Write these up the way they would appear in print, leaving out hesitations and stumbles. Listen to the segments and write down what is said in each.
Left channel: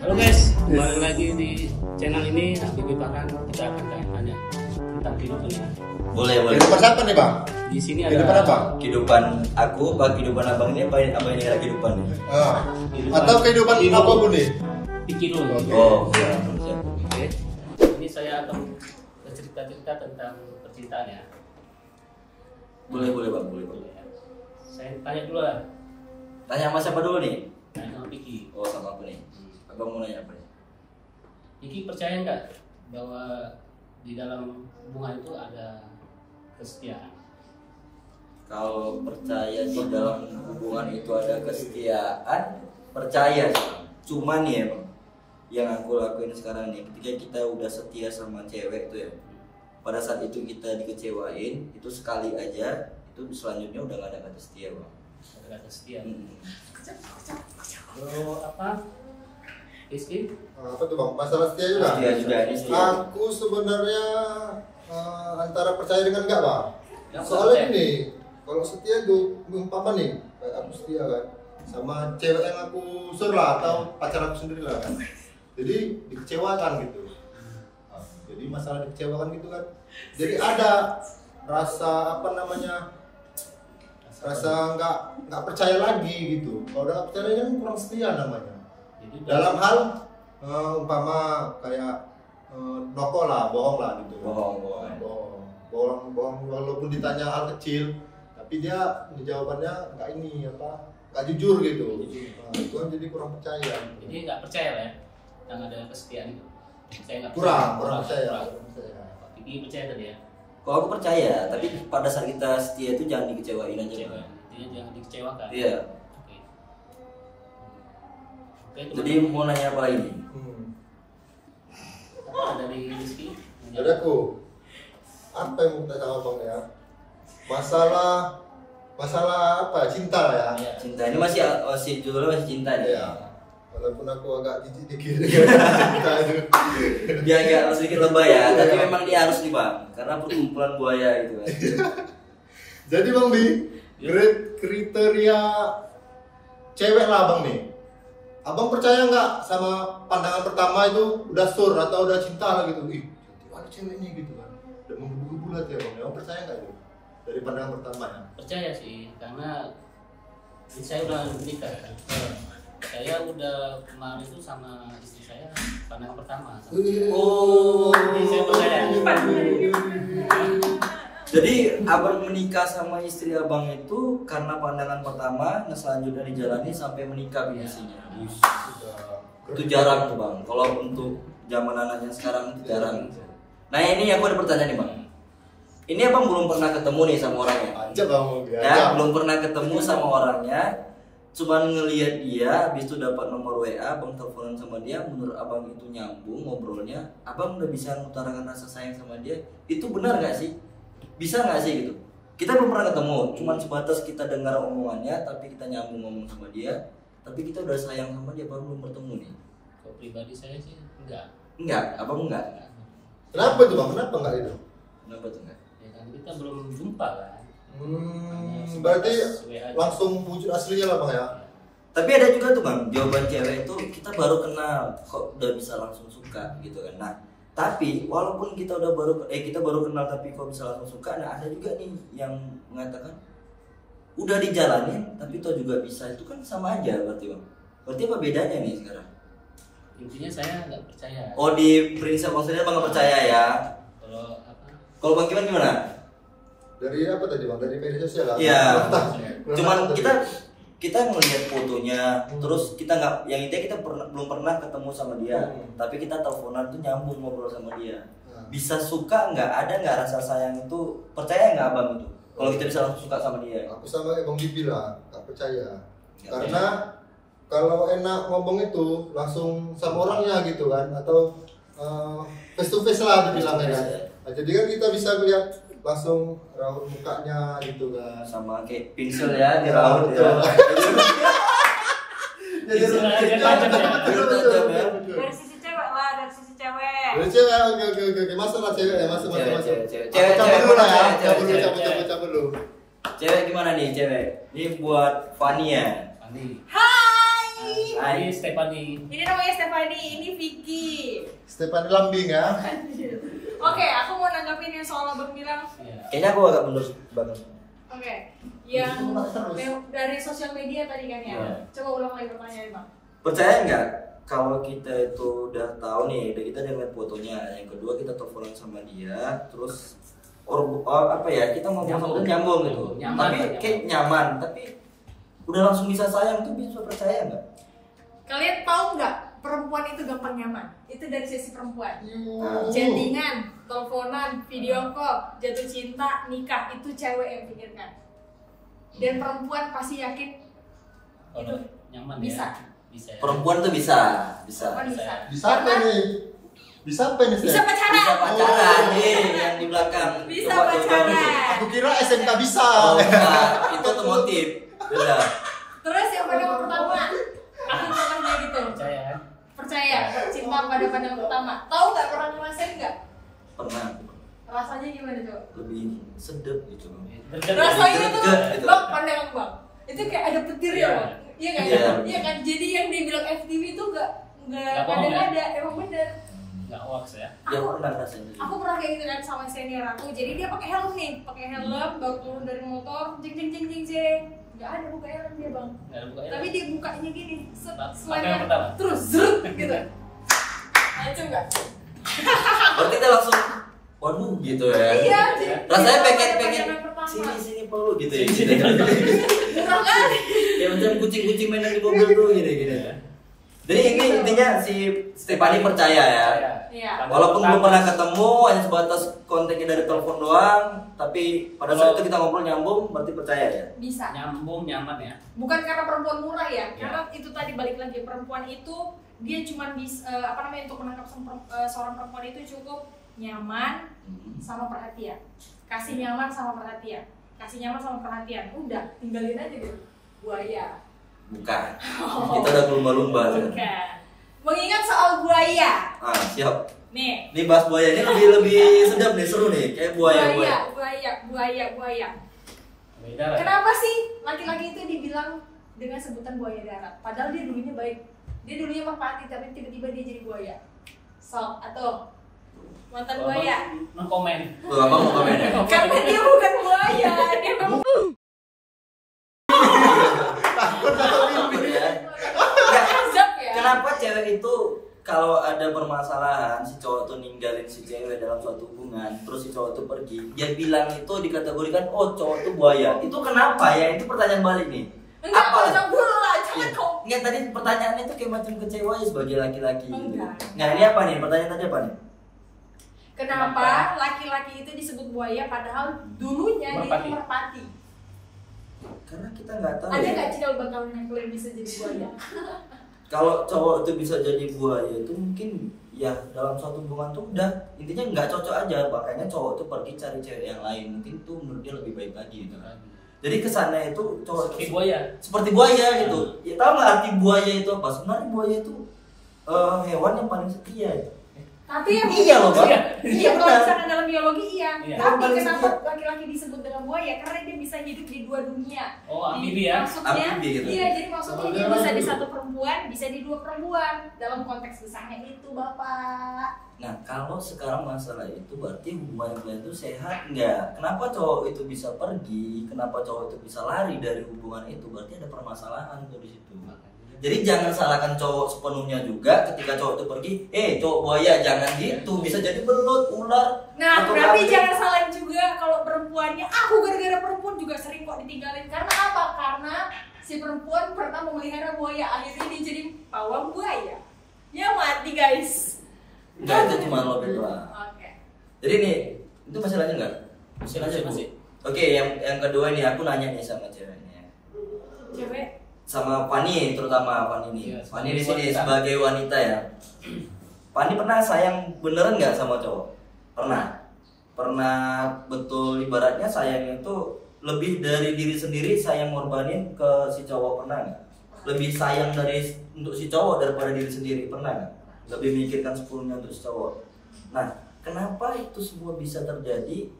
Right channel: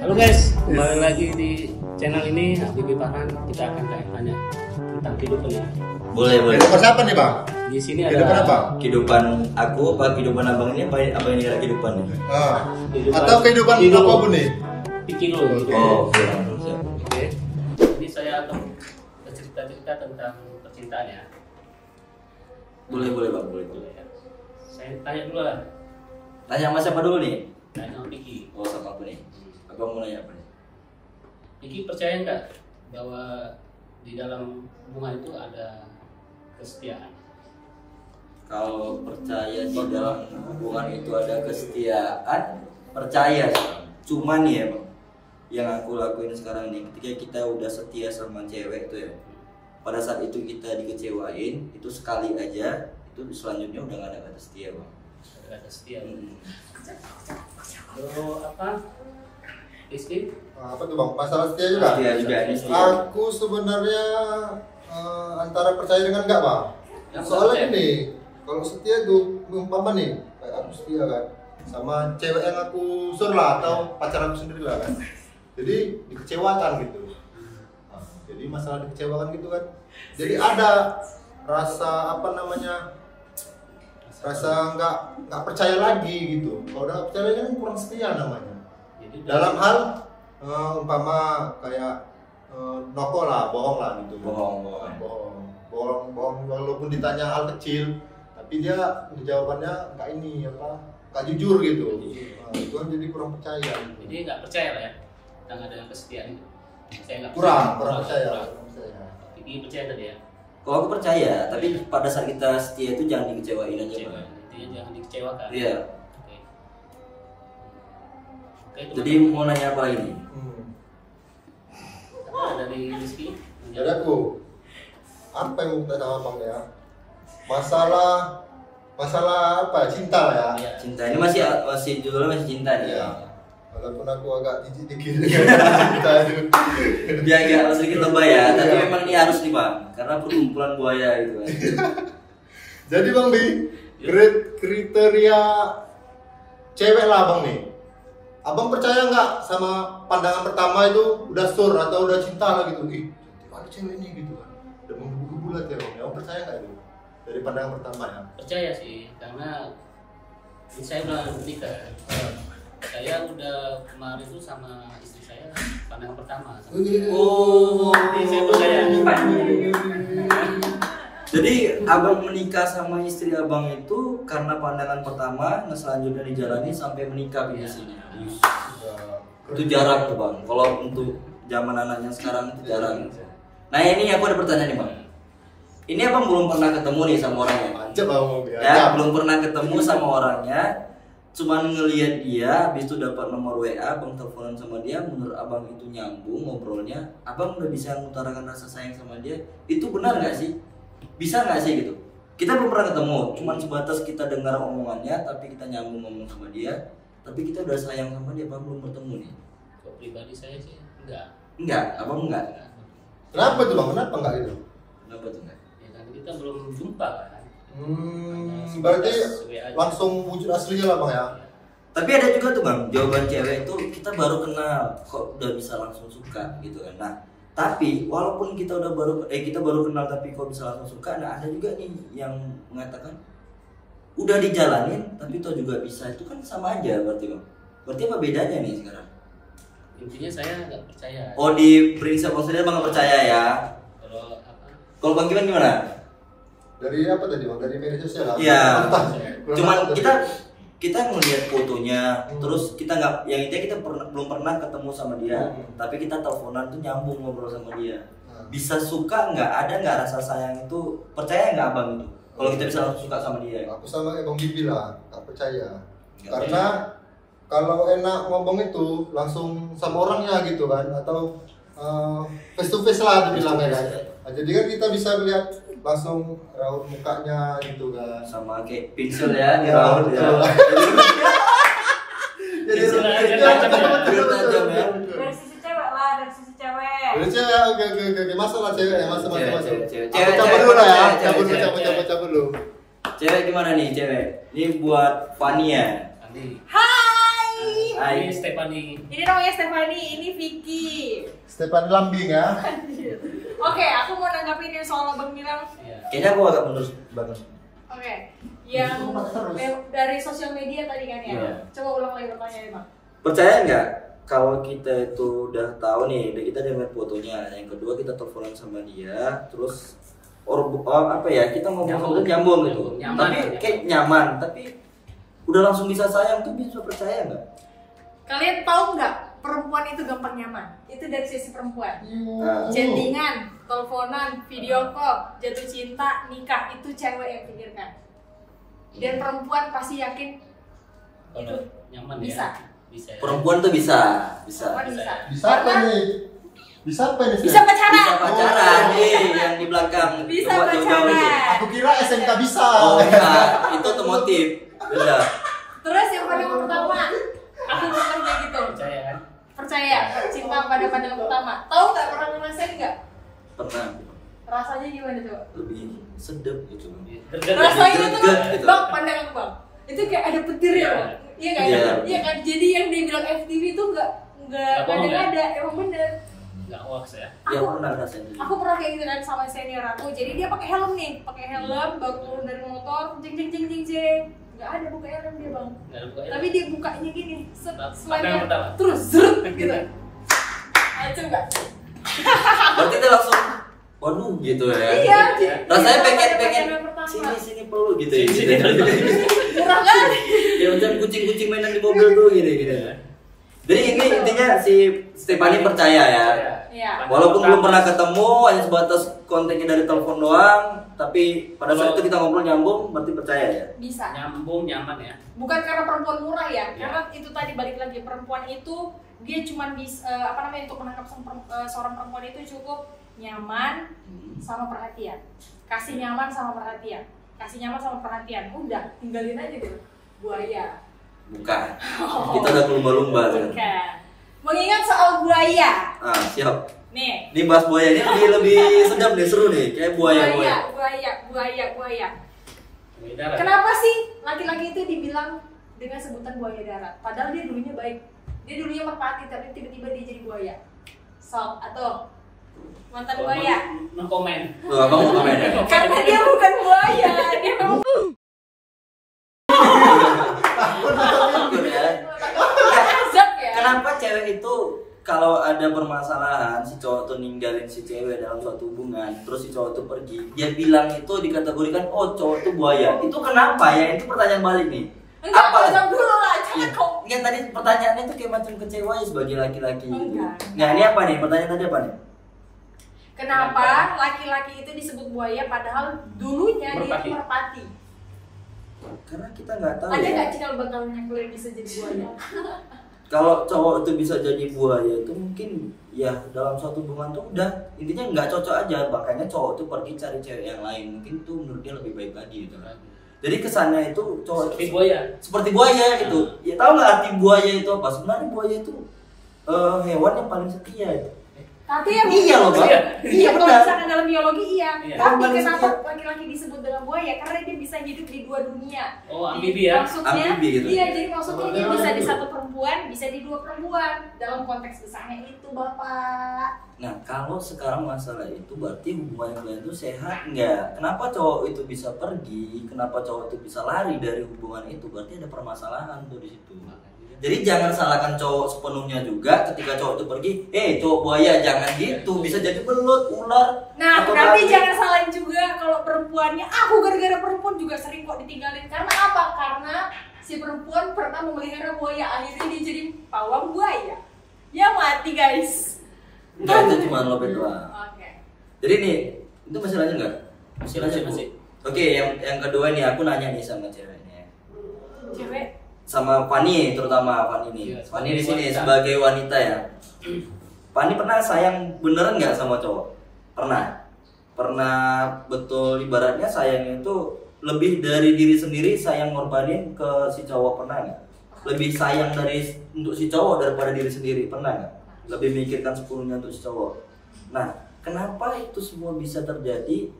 Halo guys, kembali lagi di channel ini. Habibie Farhan, kita akan tanya tentang kehidupannya. Boleh. Kehidupan apa nih bang? Di sini Kehidupan ada apa? Kehidupan aku, apa kehidupan abang ini, apa ini kira kehidupan? Atau kehidupan apapun nih? Pikir Oh, iya. Oke. Ini saya akan bercerita tentang percintaan ya. Boleh bang, boleh. Saya tanya dulu lah. Tanya sama siapa dulu nih? Tanya sama Piki. Oh, sama aku nih. Abang mau nanya apa nih? Piki percaya nggak bahwa di dalam hubungan itu ada kesetiaan? Kalau percaya di dalam hubungan itu ada kesetiaan, percaya sih, Bang. Cuman nih ya bang, yang aku lakuin sekarang nih, ketika kita udah setia sama cewek tuh ya, pada saat itu kita dikecewain, itu sekali aja, itu selanjutnya udah gak ada kata setia bang. Ada kesetiaan. Apa? Rizky? Apa tuh bang? Masalah setia juga? Setia juga ini setia. Aku sebenarnya antara percaya dengan enggak bang. Yang Soalnya percaya. ini, kalau setia itu umpama nih, kayak aku setia kan, sama cewek yang aku sur lah atau pacar aku sendiri lah. Jadi dikecewakan gitu. Jadi masalah dikecewakan gitu kan. Jadi ada rasa apa namanya? Rasa nggak percaya lagi gitu. Kalau udah ceweknya kan kurang setia namanya. Jadi Dalam hal umpama kayak noko lah, bohong lah gitu. Bohong walaupun ditanya hal kecil, tapi dia jawabannya nggak ini apa, nggak jujur gitu. Nah, itu kan jadi kurang percaya. Gitu. Jadi nggak percaya lah ya tentang ada kesetiaan itu. Saya nggak Kurang percaya. percaya. Piki percaya tadi ya. Kalau aku percaya, tapi pada saat kita setia itu jangan dikecewain aja Kecewa. bang. Intinya jangan dikecewakan. Iya. Oke. Oke. Jadi mau nanya apa lagi nih? Apa dari Rizky? Jadi aku apa yang mau kita sama bang ya? Masalah apa? Cinta lah ya. Iya. Cinta ini masih judulnya masih cinta nih. Iya. Walaupun aku agak jijik dikit cinta itu. Biar nggak sedikit lebay ya, tapi Iya. memang dia harus nih bang, karena perkumpulan buaya gitu kan. Jadi bang Bi, kriteria cewek lah abang nih. Abang percaya nggak sama pandangan pertama itu udah sur atau udah cinta gitu? Ih, ada cewek ini gitu kan. Udah menggebu-gebu lah ya bang. Abang percaya nggak itu dari pandangan pertama ya? Percaya sih, karena saya udah menikah. Saya udah kemarin itu sama istri saya pandangan pertama. Oh, Jadi saya percaya. jadi abang menikah sama istri abang itu karena pandangan pertama, nah selanjutnya dijalani sampai menikah di sini. Itu jarang tuh bang. Kalau untuk zaman anaknya sekarang itu jarang. Nah ini aku ada pertanyaan nih bang. Ini abang belum pernah ketemu nih sama orangnya. Aja bang, Ya, belum pernah ketemu sama orangnya. Cuman ngelihat dia, habis itu dapat nomor WA, abang teleponan sama dia, menurut abang itu nyambung ngobrolnya, abang udah bisa mengutarakan rasa sayang sama dia, itu benar nggak sih? Bisa nggak sih gitu? Kita belum pernah ketemu, cuman sebatas kita dengar omongannya, tapi kita nyambung ngomong sama dia, tapi kita udah sayang sama dia, abang belum bertemu nih. Kalau pribadi saya sih enggak. Enggak, abang enggak. Kenapa tuh bang? Kenapa enggak itu? Kenapa tuh enggak? Ya kan kita belum jumpa kan. Berarti WA aja. langsung wujud aslinya lah bang ya? Tapi ada juga tuh bang, jawaban cewek itu kita baru kenal, kok udah bisa langsung suka gitu kan. Nah, tapi walaupun kita baru kenal tapi kok bisa langsung suka, nah ada juga nih yang mengatakan udah dijalanin tapi toh juga bisa, itu kan sama aja berarti bang. Berarti apa bedanya nih sekarang? Intinya saya nggak percaya. Oh di prinsip maksudnya bang nggak percaya ya? Kalau apa? Kalau bang gimana? Dari apa tadi bang? Dari media sosial lah? Iya. Kurang Cuman apa tadi? kita ngelihat fotonya, terus kita nggak, yang intinya kita belum pernah ketemu sama dia, tapi kita teleponan tuh nyambung ngobrol sama dia. Bisa suka nggak? Ada nggak rasa sayang itu? Percaya nggak abang itu? Kalau kita bisa langsung suka sama dia? Aku sama Bang Bibi lah, tak percaya. Nggak Karena kalau enak ngomong itu langsung sama orangnya gitu kan, atau face to face lah dibilangnya kan. Nah, jadi kan kita bisa lihat langsung raut mukanya gitu kan. Sama kayak pinsel ya, di raut betul. ya. Jadi Betul, tajam ya. Dari sisi cewek lah, dari sisi cewek. Dari cewek, oke. Masalah cewek ya, masuk. Cewek. Aku cabut dulu lah ya, Cewek. cabut dulu. Cewek gimana nih cewek? Ini buat Fania. Andi. Hai. Hai Stephanie. Ini namanya Stephanie, ini Vicky. Stefan Lambing ya. Oke, aku mau nanggapin yang soal Abang bilang. Kayaknya aku agak mundur banget. Oke, yang dari sosial media tadi kan ya. Iya. Coba ulang lagi pertanyaannya Bang. Percaya nggak kalau kita itu udah tahu nih, kita udah ngeliat fotonya, yang kedua kita teleponan sama dia, terus apa ya, kita ngomong nyambung gitu, Nyaman, tapi kayak nyaman, tapi udah langsung bisa sayang, tuh bisa percaya nggak? Kalian tahu nggak perempuan itu gampang nyaman? Itu dari sisi perempuan. Nah, Chattingan, teleponan, video call, jatuh cinta, nikah itu cewek yang pikirkan. Dan perempuan pasti yakin Kalau nyaman bisa. ya. Bisa. Ya. perempuan tuh bisa. Perempuan bisa. Bisa apa nih? Bisa apa nih? Bisa pacaran. Bisa pacaran nih, yang di belakang. Bisa Coba jauh-jauh itu. pacaran. Aku kira SMK bisa. Oh, enggak, itu otomotif. Beda. Terus yang pandangan pertama, aku pernah kayak gitu. Percaya kan? Percaya, cinta pada pandangan pertama. Tahu nggak, pernah ngerasain nggak? Pernah. Rasanya gimana tuh? Lebih sedep gitu. Rasanya tuh, Greget gitu. Bang, pandangan Bang. Itu kayak ada petir ya, Bang. Iya kan? Iya. Iya kan? Jadi yang dibilang FTV itu nggak Nggak bohong, ya? ada, emang bener. Nggak hoax ya. Ya pernah ngerasain itu. Aku pernah kayak gitu kan sama senior aku. Jadi dia pakai helm nih, pakai helm, baru turun dari motor, jeng jeng jeng jeng jeng. Nggak ada buka helm dia Bang. Nggak ada buka ya. Tapi dia bukanya gini, Apa yang pertama? terus zrut gitu. Lucu nggak? Berarti dia langsung waduh gitu ya. Iya, Rasanya Iya, pengen pandangan pertama. sini peluk gitu ya. Gitu. Murah kan? Ya macam kucing-kucing mainan di mobil tuh gitu. Jadi ini intinya si Stephanie percaya ya. Iya. Walaupun belum pernah ketemu, hanya sebatas kontaknya dari telepon doang, tapi pada saat itu kita ngobrol nyambung, berarti percaya ya. Bisa. Nyambung, nyaman ya. Bukan karena perempuan murah ya, karena itu tadi balik lagi, perempuan itu dia cuma untuk menangkap seorang perempuan itu cukup nyaman sama perhatian, kasih nyaman sama perhatian, udah tinggalin aja deh buaya. Bukan. Kita udah lumba-lumba kan. Bukan. Mengingat soal buaya, Ah, siap. nih. Ini bahas buayanya lebih sedap nih, seru nih, kayak buaya. Buaya. Beda lah. Kenapa sih laki-laki itu dibilang dengan sebutan buaya darat? Padahal dia dulunya baik, dia dulunya merpati, tapi tiba-tiba dia jadi buaya. Sok atau mantan buaya? No comment. Tuh, abang mau komen ya? Karena dia bukan buaya, dia memang Takut atau mimpi? Ya. azab ya. Kenapa cewek itu kalau ada permasalahan si cowok tuh ninggalin si cewek dalam suatu hubungan, terus si cowok tuh pergi, dia bilang itu dikategorikan oh cowok tuh buaya. Itu kenapa ya? Itu pertanyaan balik nih. Enggak, jawab dulu lah, jangan Iya. kau. Enggak, tadi pertanyaannya itu kayak macam kecewa ya sebagai laki-laki. Enggak. Nah ini apa nih? Pertanyaan tadi apa nih? Kenapa laki-laki itu disebut buaya padahal dulunya dia Merpati. itu merpati? Karena kita nggak tahu Ada ya. nggak cikal bakal yang kalian bisa jadi buaya? Kalau cowok itu bisa jadi buaya itu mungkin ya dalam suatu hubungan tuh udah intinya nggak cocok aja, makanya cowok tuh pergi cari cewek yang lain, mungkin tuh menurutnya lebih baik lagi gitu. Jadi kesannya itu cowok Seperti itu buaya. seperti buaya gitu. Ya tahu nggak arti buaya itu apa? Sebenarnya buaya itu hewan yang paling setia. Tapi yang Iya loh, Bang. Iya, kalau benar. misalkan dalam biologi iya. Iya. Tapi Yang paling kenapa setia. laki-laki disebut dengan buaya? Karena dia bisa hidup di dua dunia. Oh, amfibi ya. Maksudnya, Amfibi gitu. iya, jadi maksudnya dia Oh, bisa di gitu. satu perempuan, bisa di dua perempuan. Dalam konteks besarnya itu, Bapak. Nah kalau sekarang masalah itu berarti hubungan kalian itu sehat nggak? Kenapa cowok itu bisa pergi? Kenapa cowok itu bisa lari dari hubungan itu? Berarti ada permasalahan tuh di situ. Jadi jangan salahkan cowok sepenuhnya juga ketika cowok itu pergi. Cowok buaya jangan gitu. Bisa jadi belut, ular. Nah, atau tapi lari. jangan salahin juga kalau perempuannya. Aku gara-gara perempuan juga sering kok ditinggalin. Karena apa? Karena si perempuan pernah memelihara buaya, akhirnya dia jadi pawang buaya. Ya mati guys. Enggak, itu cuma lobet doang. Oke. Jadi nih, itu masih lanjut nggak? Masih lanjut Bu. Masih. Oke, yang kedua nih aku nanya nih sama ceweknya. Cewek. Sama Fani terutama Fani nih. Iya, Fani di sini wanita. sebagai wanita ya. Fani pernah sayang beneran nggak sama cowok? Pernah betul ibaratnya sayangnya itu lebih dari diri sendiri sayang ngorbanin ke si cowok, pernah nggak? Lebih sayang untuk si cowok daripada diri sendiri, pernah nggak? Lebih mikirkan sepuluhnya untuk si cowok. Nah, kenapa itu semua bisa terjadi?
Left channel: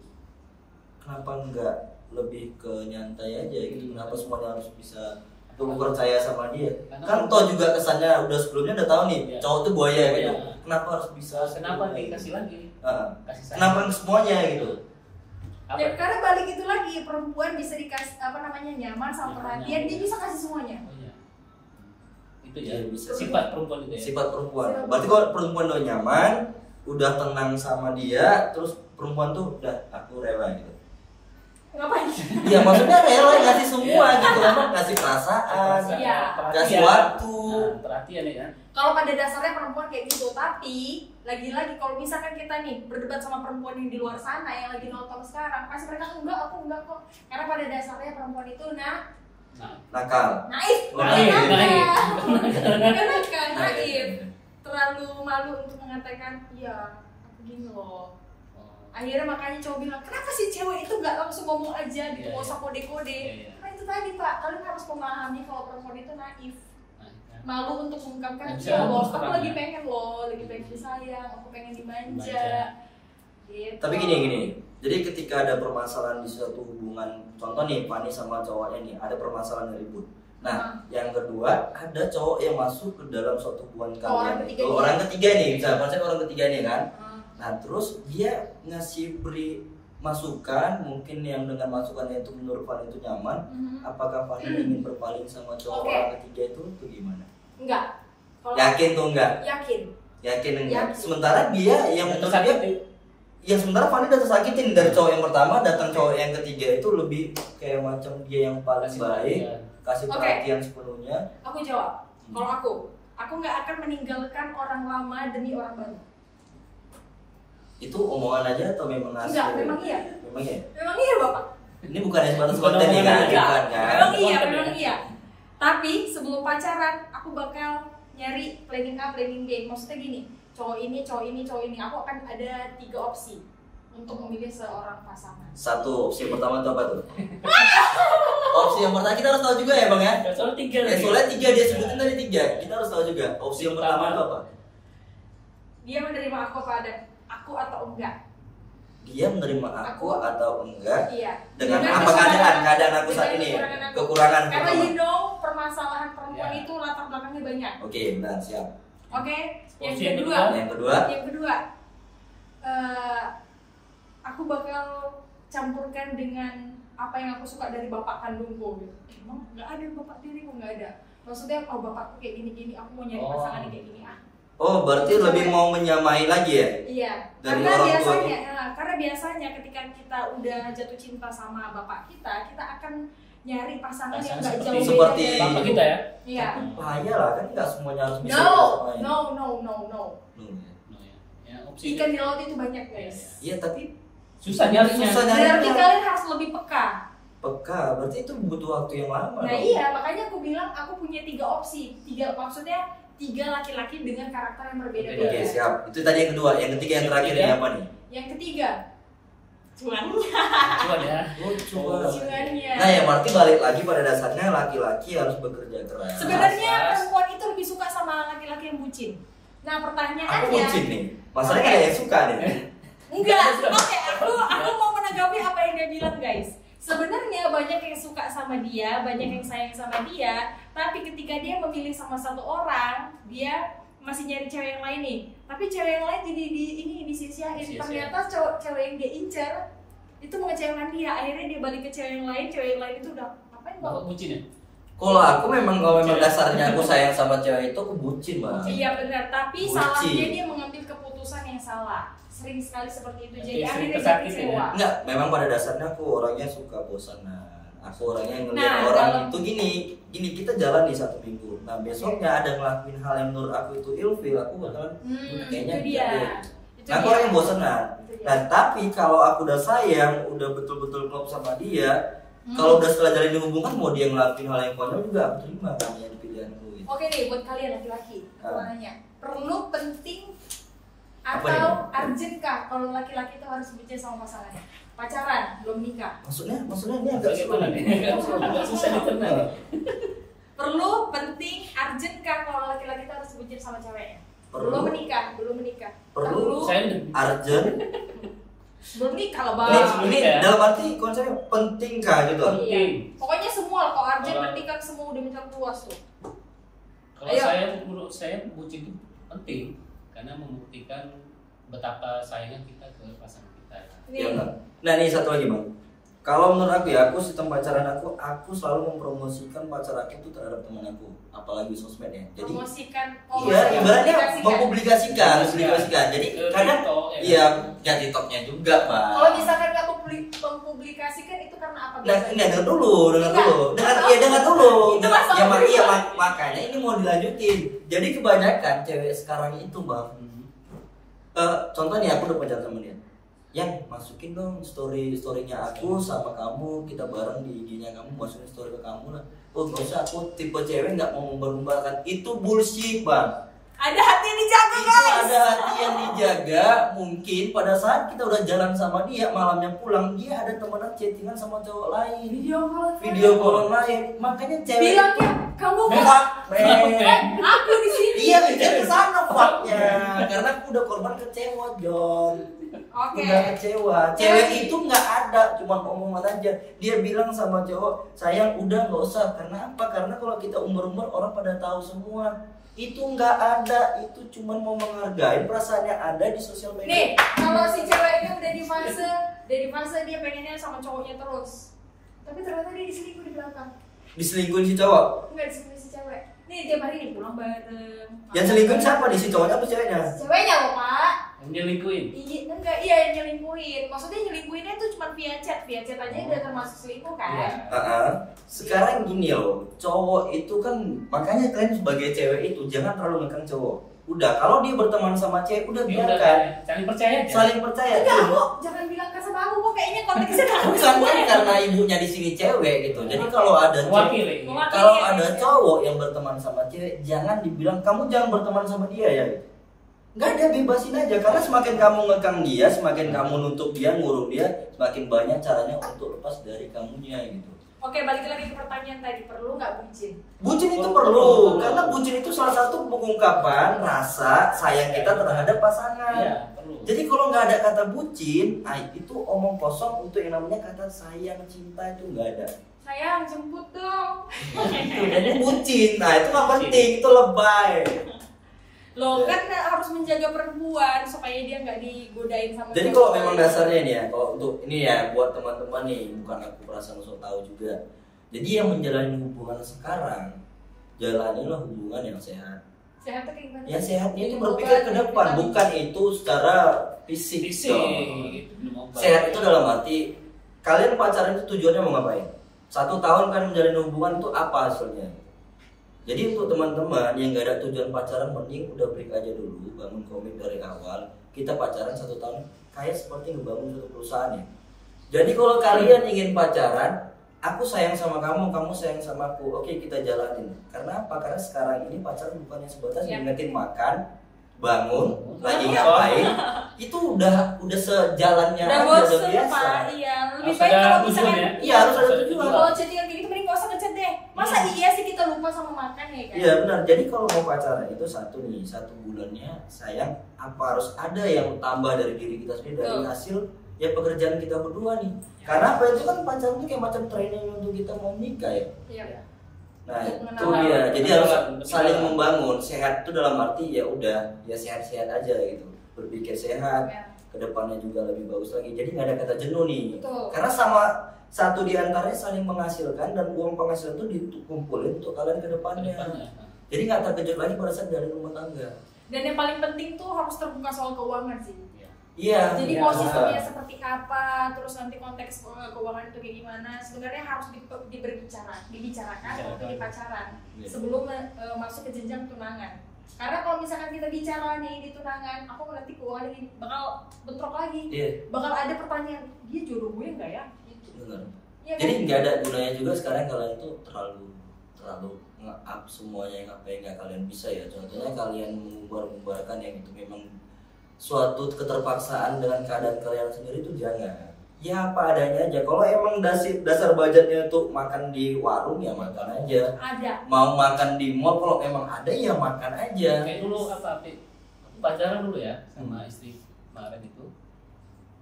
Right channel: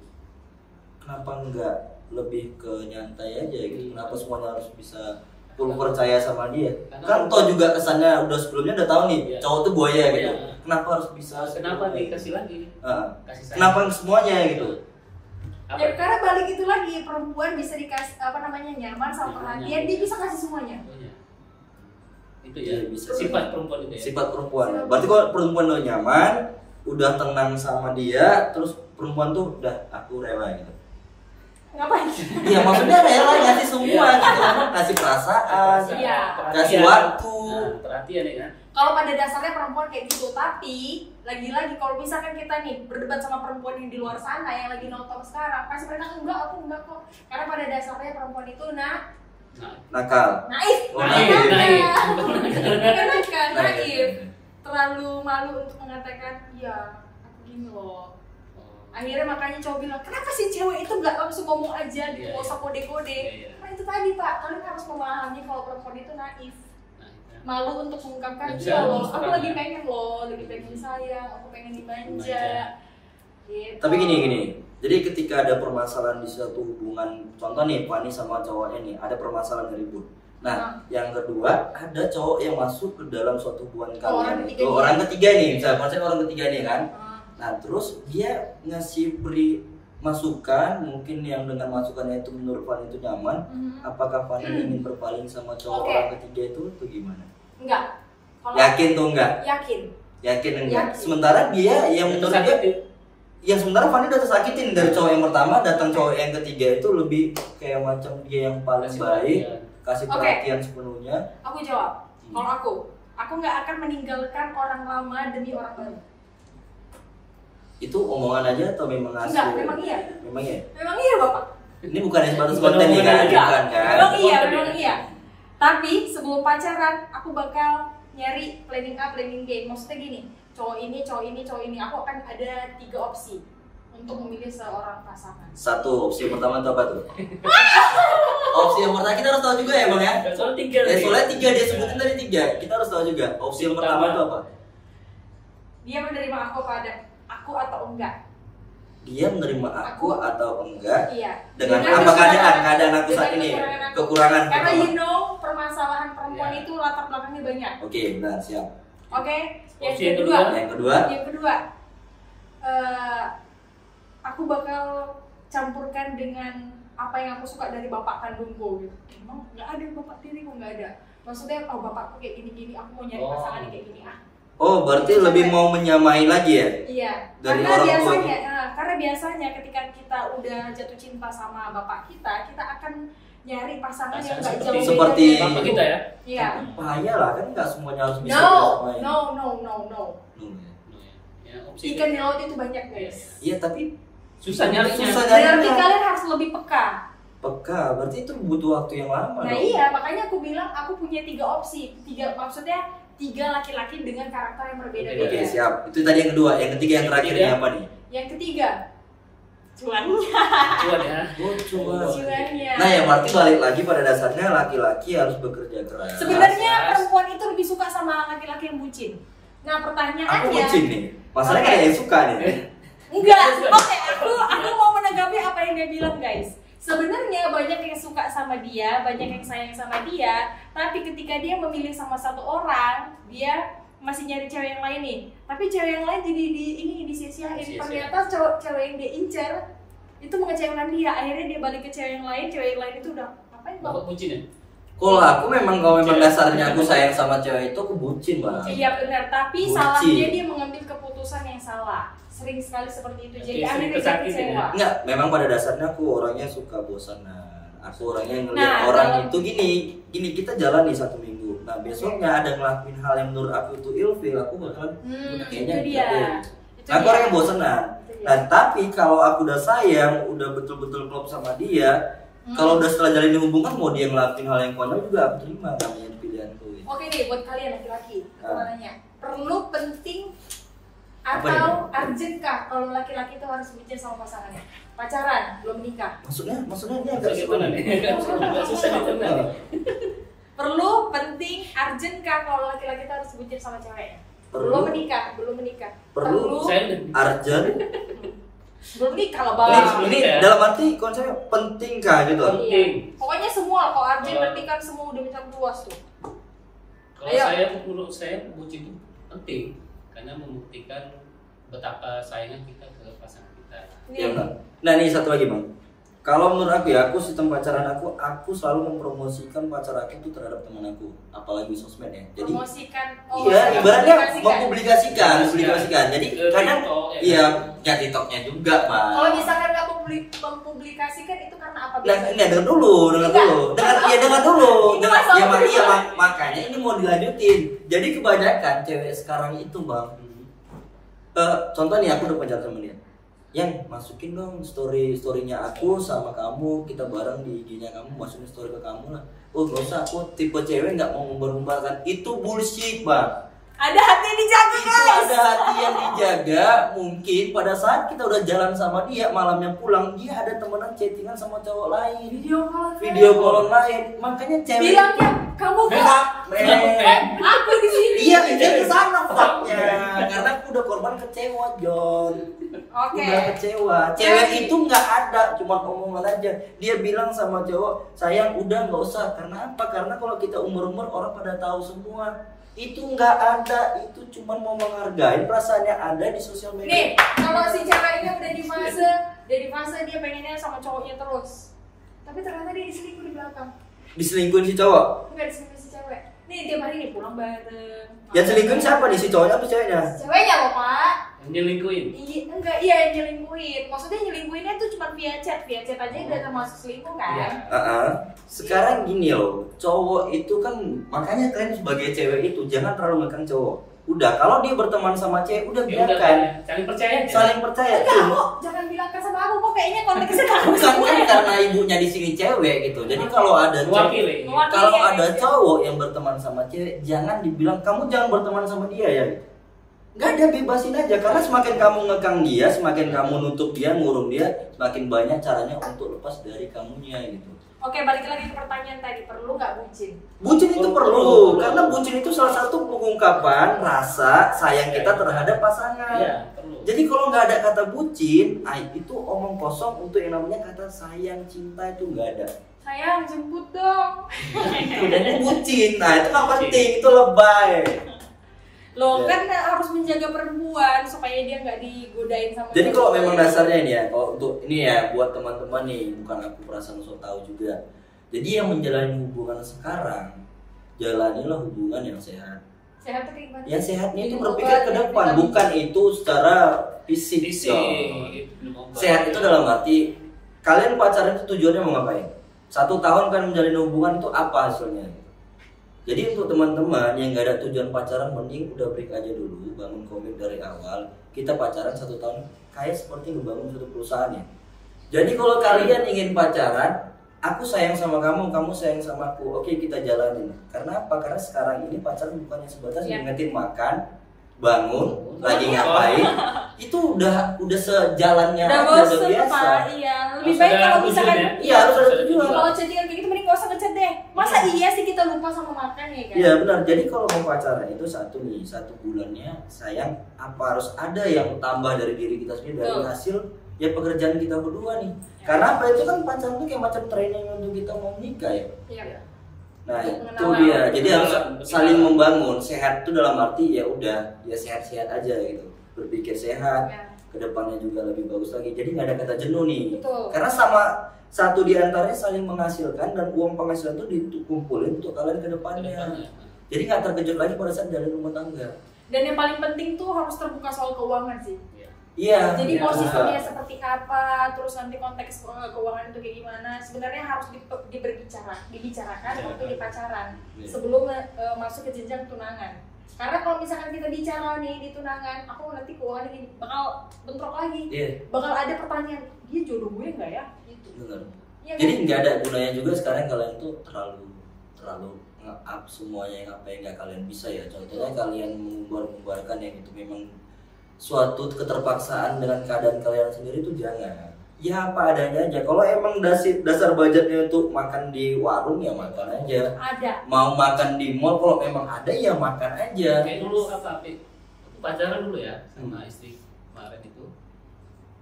Kenapa nggak lebih ke nyantai aja gitu? Kenapa semuanya harus bisa perlu percaya sama dia. Karena Kan toh juga kesannya udah sebelumnya udah tahu nih Iya. cowok tuh buaya gitu. Iya. Kenapa harus bisa? Kenapa dikasih lagi? Heeh. Kasih sayang. Kenapa semuanya gitu? Apa? Ya, karena balik itu lagi, perempuan bisa dikasih nyaman sama Ya, perhatian, nyaman. dia bisa kasih semuanya. Oh, iya. Itu ya Iya, bisa. sifat perempuan itu ya. Sifat perempuan. Berarti kalau perempuan udah nyaman, udah tenang sama dia, terus perempuan tuh udah aku rela gitu. Ngapain? Iya maksudnya rela ngasih semua gitu, ngasih perasaan, Iya. kasih waktu. Nah, perhatian ya kan. Kalau pada dasarnya perempuan kayak gitu, tapi lagi-lagi kalau misalkan kita nih berdebat sama perempuan yang di luar sana yang lagi nonton sekarang, kasih mereka enggak, aku enggak kok. Karena pada dasarnya perempuan itu Nah, Nakal. naif, Oh, naif. naif, terlalu malu untuk mengatakan, iya aku gini loh. Akhirnya makanya cowok bilang, kenapa sih cewek itu nggak langsung ngomong aja gitu, Iya, nggak usah kode-kode. Iya. Karena itu tadi Pak, kalian harus memahami kalau perempuan itu naif, Nah, malu untuk mengungkapkan, Nggak bisa iya loh, ngomong aku terang, lagi ya. pengen loh, lagi pengen disayang, aku pengen dimanja. Dimanja. Gitu. Tapi gini, jadi ketika ada permasalahan di suatu hubungan, contoh nih Fani sama cowoknya nih, ada permasalahan ribut. Nah, yang kedua ada cowok yang masuk ke dalam suatu hubungan orang kalian. ketiga Itu nih. orang ketiga nih, misalnya orang ketiga nih kan. Ah, Nah terus dia beri masukan, mungkin yang dengan masukannya itu menurut Fani itu nyaman. mhm. Apakah Fani ingin berpaling sama cowok Oke. orang ketiga itu gimana? Enggak. Kalau Yakin tuh enggak? Yakin. Yakin enggak? Yakin. Sementara dia yang menurut dia, yang sementara Fani udah tersakitin dari cowok yang pertama, datang cowok yang ketiga itu lebih kayak macam dia yang paling baik, kasih Oke. perhatian sepenuhnya. Aku jawab. Kalau aku nggak akan meninggalkan orang lama demi orang baru. Itu omongan aja atau memang asli? Enggak, memang iya. Memang ya? Memang iya Bapak. Ini bukan yang baru Bukan konten nih kan? omongan aja. Bukan kan? Memang iya, Konten memang ya. iya. Tapi sebelum pacaran, aku bakal nyari planning A, planning B. Maksudnya gini, cowok ini, cowok ini, cowok ini. Aku akan ada 3 opsi untuk memilih seorang pasangan. Satu, opsi yang pertama itu apa tuh? Opsi yang pertama kita harus tahu juga ya bang ya? Soal 3 Ya soalnya 3, dia sebutin tadi 3. Kita harus tahu juga. Opsi yang pertama itu apa? Dia menerima aku atau enggak? Dia menerima aku atau enggak? Iya. Dengan Dengan apa kesalahan- keadaan aku saat dengan ini? kekurangan aku. Kekurangan Karena pertama. you know permasalahan perempuan Iya. itu latar belakangnya banyak. Oke, benar, siap. Oke. Yang Opsi yang kedua, Yang kedua, aku bakal campurkan dengan apa yang aku suka dari bapak kandungku. Gitu. Emang nggak ada bapak tiriku, nggak ada. Maksudnya bapak aku kayak gini-gini, aku mau nyari pasangan kayak gini. oh berarti lebih mau menyamai lagi ya? Iya. Dari Karena orang tua biasanya, karena biasanya ketika kita udah jatuh cinta sama bapak kita akan nyari pasangan yang nggak jauh beda seperti dari bapak itu. kita ya. Iya. Bahaya lah, kan nggak semuanya harus bisa No. disamain. Ya, opsi Ikan di laut itu banyak guys. Iya tapi susah nyarinya. Susah nyarinya. Berarti kalian harus lebih peka. peka, berarti itu butuh waktu yang lama Nah dong. iya, makanya aku bilang aku punya 3 opsi. Maksudnya 3 laki-laki dengan karakter yang berbeda-beda. Oke siap, itu tadi yang kedua, yang ketiga yang terakhir ini apa nih? Yang ketiga, cuannya. Cuan ya. Oh, Cuannya. Nah ya berarti balik lagi pada dasarnya laki-laki harus bekerja keras. Sebenarnya perempuan itu lebih suka sama laki-laki yang bucin. Nah pertanyaannya, Aku bucin nih, masalahnya Oke. ada yang suka nih. enggak. Oke, aku mau menanggapi apa yang dia bilang guys. Sebenarnya banyak yang suka sama dia, banyak yang sayang sama dia, tapi ketika dia memilih sama satu orang, dia masih nyari cewek yang lain nih. Tapi cewek yang lain jadi disia-siain. Sia-sia. Ternyata cewek yang dia incer itu mengecewakan dia. Akhirnya dia balik ke cewek yang lain itu udah ngapain Bapak bang? bucin ya. Kalau aku kalau memang dasarnya aku sayang sama cewek itu aku bucin bang. Iya benar, tapi Bucin. salahnya dia mengambil keputusan yang salah. Sering sekali seperti itu. Jadi Oke, sering akhirnya dia kesakitan kecewa. Enggak, memang pada dasarnya aku orangnya suka bosanan. Aku orangnya yang ngeliat Nah, orang kalau- itu gini kita jalan nih 1 minggu. Nah besoknya ada ngelakuin hal yang menurut aku itu ilfil, aku bakalan kayaknya itu dia. gitu. Itu Nah aku dia. orang yang bosanan. Itu dia. Nah tapi kalau aku udah sayang, udah betul-betul klop sama dia, kalau udah setelah jalin hubungan mau dia ngelakuin hal yang konyol juga aku terima kan yang pilihanku itu. Oke nih buat kalian laki-laki, aku mau nanya, perlu penting Apa atau nih? urgent kah kalau laki-laki itu harus bucin sama pasangannya? Pacaran, belum nikah. Maksudnya dia nggak Agak suka nih. agak susah diterima. Perlu penting urgent kah kalau laki-laki itu harus bucin sama ceweknya? Perlu. Belum menikah. Perlu. Saya Arjen, Sebelum nikah lah bawa. Ini dalam arti konsepnya pentingkah gitu? Iya. Pokoknya semua kalau Arjen berarti kan semua udah minta puas tuh. Kalau saya, menurut saya bucin itu penting karena membuktikan betapa sayangnya kita ke pasangan kita. Iya benar. Nah ini satu lagi bang. Kalau menurut aku ya, aku sistem pacaran aku selalu mempromosikan pacar aku itu terhadap teman aku, apalagi sosmed ya. Jadi promosikan. iya, ibaratnya mempublikasikan. Jadi kadang iya, ya TikToknya juga bang. Kalau misalkan nggak mempublikasikan itu karena apa? Nah, dengar dulu. Dengar dulu. Makanya ini mau dilanjutin. Jadi kebanyakan cewek sekarang itu bang, contoh nih aku udah pacaran sama dia, yang masukin dong storynya aku sama kamu, kita bareng di IG-nya kamu, masukin story ke kamu lah. Oh gak usah, aku tipe cewek nggak mau membar-membarkan. Itu bullshit bang. Ada hati yang dijaga Itu guys. ada hati yang dijaga. Mungkin pada saat kita udah jalan sama dia, malamnya pulang, dia ada temenan chattingan sama cowok lain, video call lain. Makanya cewek bilang kan kamu aku di sini. iya dia kesana faknya, karena aku udah korban kecewa John. Oke. Udah kecewa. Cewek itu nggak ada, cuma omongan aja. Dia bilang sama cowok, sayang udah nggak usah. Karena apa? Karena kalau kita umur orang pada tahu semua. Itu nggak ada, itu cuma mau menghargai perasaannya ada di sosial media. Nih, kalau si cewek ini udah di fase dia pengennya sama cowoknya terus, tapi ternyata dia diselingkuh di belakang. Diselingkuhin si cowok? Enggak diselingkuh si cewek. Nih tiap hari nih pulang bareng. Yang selingkuhin siapa nih, si cowoknya atau ceweknya? Ceweknya loh pak. Yang nyelingkuhin. Enggak, iya yang nyelingkuhin. Maksudnya nyelingkuhinnya tuh cuma via chat aja udah termasuk selingkuh kan? Sekarang gini loh, cowok itu kan, makanya kalian sebagai cewek itu jangan terlalu ngekang cowok. Udah, kalau dia berteman sama cewek udah biarkan. Saling percaya aja. Saling percaya. Enggak, jangan bilang ke sama aku kok kayaknya konteksnya Bukan kan karena ibunya di sini cewek gitu. Jadi kalau ada cowok yang berteman sama cewek, jangan dibilang kamu jangan berteman sama dia ya. Nggak ada, bebasin aja. Karena semakin kamu ngekang dia, semakin kamu nutup dia, ngurung dia, semakin banyak caranya untuk lepas dari kamunya gitu. Oke, balik lagi ke pertanyaan tadi, perlu nggak bucin? Bucin itu perlu, karena bucin itu salah satu pengungkapan rasa sayang kita terhadap pasangan. Iya, perlu. Jadi kalau nggak ada kata bucin, itu omong kosong untuk yang namanya kata sayang, cinta itu nggak ada. Sayang, jemput dong. Itu bucin, nah itu nggak penting, itu lebay. Loh kan harus menjaga perempuan supaya dia nggak digodain sama. Jadi kalau memang dasarnya ini ya, kalau untuk ini ya buat teman-teman nih, bukan aku perasaan sok tahu juga. Jadi yang menjalani hubungan sekarang, jalanilah hubungan yang sehat. Sehat tuh kayak gimana? Yang sehatnya itu berpikir ke depan, bukan itu secara fisik. Sehat itu dalam arti kalian pacaran itu tujuannya mau ngapain? 1 tahun kan menjalin hubungan itu apa hasilnya? Jadi untuk teman-teman yang gak ada tujuan pacaran, mending udah break aja dulu, bangun komit dari awal. Kita pacaran 1 tahun kayak seperti ngebangun suatu perusahaan ya. Jadi kalau kalian ingin pacaran, aku sayang sama kamu, kamu sayang sama aku, oke kita jalanin. Karena apa? Karena sekarang ini pacaran bukannya sebatas ngingetin makan, bangun, lagi ngapain, itu udah sejalannya aja, udah biasa. Iya, lebih baik kalau misalkan iya harus ada tujuan. Kalau chattingan kayak gitu mending gak usah ngechat deh. Masa iya sih kita lupa sama makan ya kan? Iya benar. Jadi kalau mau pacaran itu 1 bulannya sayang, apa harus ada yang tambah dari diri kita sendiri dari hasil ya pekerjaan kita berdua nih. Karena apa itu kan pacaran itu kayak macam training untuk kita mau nikah ya. Iya. Nah itu dia. Jadi harus saling membangun. Sehat itu dalam arti ya udah ya sehat-sehat aja gitu. Berpikir sehat. Kedepannya juga lebih bagus lagi. Jadi nggak ada kata jenuh nih. Betul. Karena sama satu di antaranya saling menghasilkan dan uang penghasilan itu dikumpulin untuk kalian kedepannya. Jadi nggak terkejut lagi pada saat dari rumah tangga. Dan yang paling penting tuh harus terbuka soal keuangan sih. Iya. Jadi posisinya seperti apa, terus nanti konteks keuangan itu kayak gimana. Sebenarnya harus dibicarakan waktu di pacaran sebelum masuk ke jenjang tunangan. Karena kalau misalkan kita bicara nih di tunangan, aku ngerti keuangan ini bakal bentrok lagi, bakal ada pertanyaan, dia jodoh gue nggak ya? Gitu. Benar. Ya, Jadi kan? nggak ada gunanya juga sekarang kalian tuh terlalu nge-up semuanya yang apa yang nggak kalian bisa ya. Contohnya kalian mengumbar-umbarkan yang itu memang suatu keterpaksaan dengan keadaan kalian sendiri itu jangan. Ya apa adanya aja. Kalau emang dasar budgetnya untuk makan di warung ya makan aja. Ada. Mau makan di mall kalau memang ada ya makan aja. Kayak dulu apa? Aku pacaran dulu ya sama istri kemarin itu.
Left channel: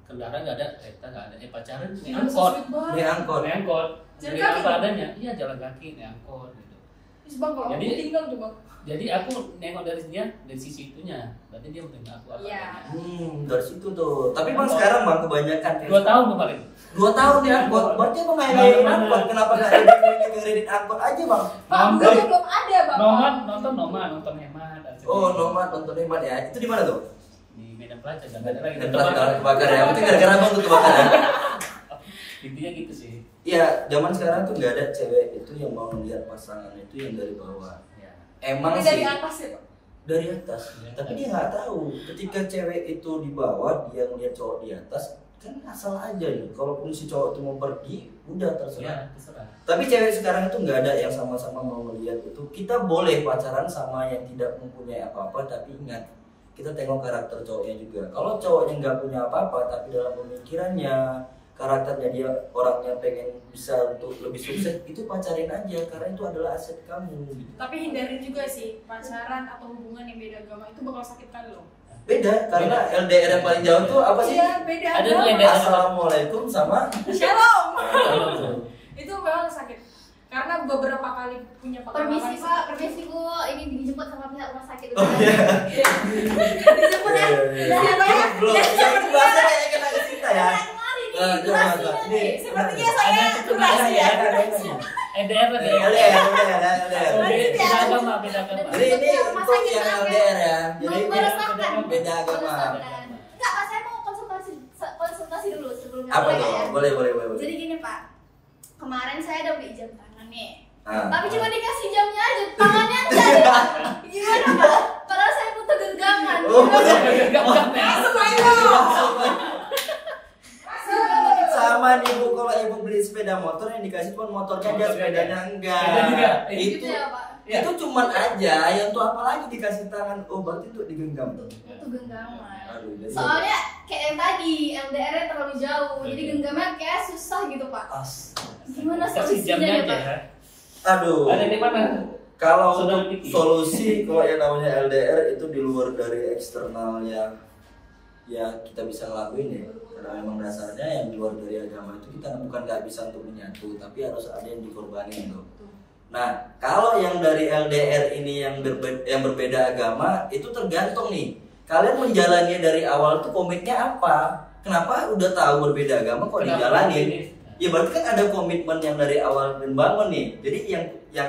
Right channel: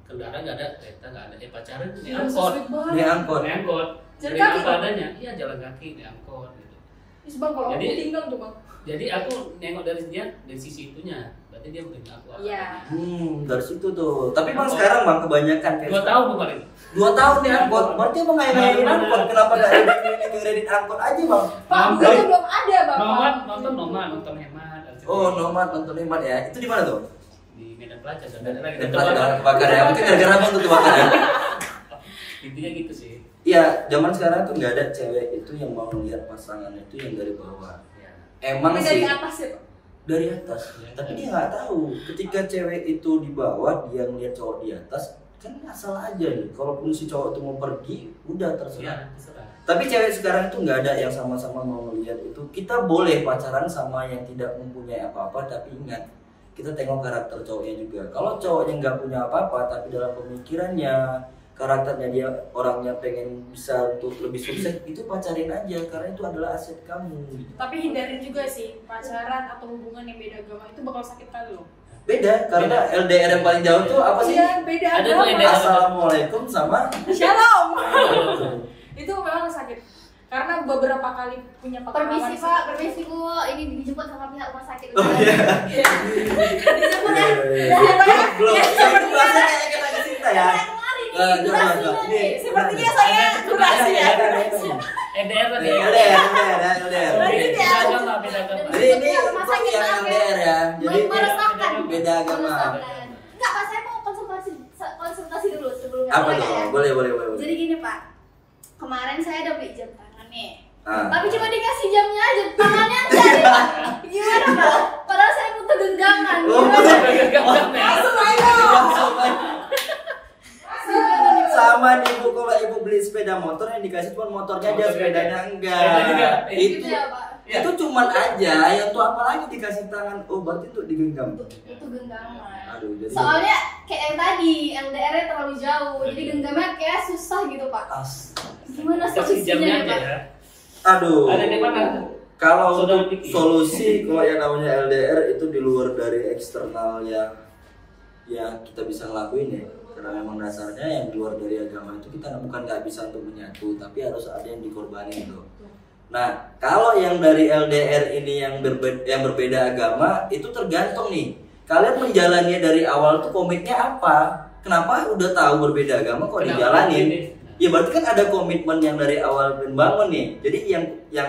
kendaraan nggak ada, kereta nggak ada, dia pacaran naik Gila, angkot, sweet banget. Naik angkot. naik angkot, Jalan dari kaki apa dong? adanya, iya jalan kaki naik angkot gitu. Terus bang kalau aku Jadi- tinggal tuh bang. Jadi aku nengok dari dia dari sisi itunya, berarti dia mungkin aku apa Iya. adanya. Dari situ tuh. Tapi bang sekarang bang kebanyakan kayak 2 tahun kemarin. 2 tahun nih angkot. Berarti bang ngajarin angkot. Kenapa nggak ada kredit angkot aja bang? Pak, Nonton. itu belum ada bang. Nonton hemat. Oh nomad nonton hemat ya. Itu di mana tuh? Di Medan Plaza dan ada lagi. Dan pasti jangan kebakar ya. Itu gara-gara bang tuh kebakar ya. Intinya gitu sih. Iya, zaman sekarang tuh nggak ada cewek itu yang mau lihat pasangan itu yang dari bawah. Ya. Emang Tapi sih dari atas ya Pak. dari atas. Tapi dia nggak tahu. Ketika cewek itu di bawah, dia ngeliat cowok di atas, kan asal aja nih. Kalaupun si cowok itu mau pergi, udah terserah. Ya, terserah. Tapi cewek sekarang itu nggak ada yang sama-sama mau melihat itu. Kita boleh pacaran sama yang tidak mempunyai apa-apa, tapi ingat kita tengok karakter cowoknya juga. Kalau cowoknya nggak punya apa-apa, tapi dalam pemikirannya, karakternya dia orangnya pengen bisa untuk lebih sukses, itu pacarin aja karena itu adalah aset kamu. Gitu. Tapi hindarin juga sih pacaran atau hubungan yang beda agama itu bakal sakit kali loh. Beda karena LDR yang paling jauh tuh apa sih? Iya, beda Ada tuh agama. LDR. Assalamualaikum sama Shalom. Itu memang sakit. Karena beberapa kali punya pengalaman. Permisi Pak, permisi Bu, ini dijemput sama pihak rumah sakit. Oh iya. Dijemput ya. Belum. Itu bahasa kayak kita ke cinta ya. Nah, coba. Ini Sepertinya saya durasi ya. LDR tadi. LDR. Beda agama, beda agama. Jadi ini untuk yang LDR ya. Jadi Meresahkan. beda agama. Enggak Pak, saya mau konsultasi dulu sebelumnya. Apa tuh? Ya. Boleh. Jadi gini Pak, kemarin saya udah beli jam tangan nih. Ah. Tapi cuma dikasih jamnya aja, tangannya enggak ya Pak. Gimana Pak? Padahal saya butuh genggaman. Oh, Langsung aja. sama nih ibu, kalau ibu beli sepeda motor yang dikasih cuma motornya aja, sepedanya enggak. Itu ya Pak. itu cuman aja, yang tuh apa lagi dikasih tangan. Oh berarti tuh digenggam. Itu genggaman. Aduh, jadi Soalnya kayak yang tadi LDR-nya terlalu jauh, jadi genggamnya kayak susah gitu Pak. Gimana Kasih jamnya solusinya aja Pak? ya. Aduh. Ada di mana? Kalau Saudara untuk Diki. solusi kalau yang namanya LDR itu di luar dari eksternal yang ya kita bisa ngelakuin ya. Karena memang dasarnya yang di luar dari agama itu kita bukan nggak bisa untuk menyatu, tapi harus ada yang dikorbanin tuh. Nah, kalau yang dari LDR ini yang berbeda agama itu tergantung nih. Kalian menjalani dari awal tuh komitnya apa? Kenapa udah tahu berbeda agama kok dijalanin? Ya berarti kan ada komitmen yang dari awal membangun nih. Jadi yang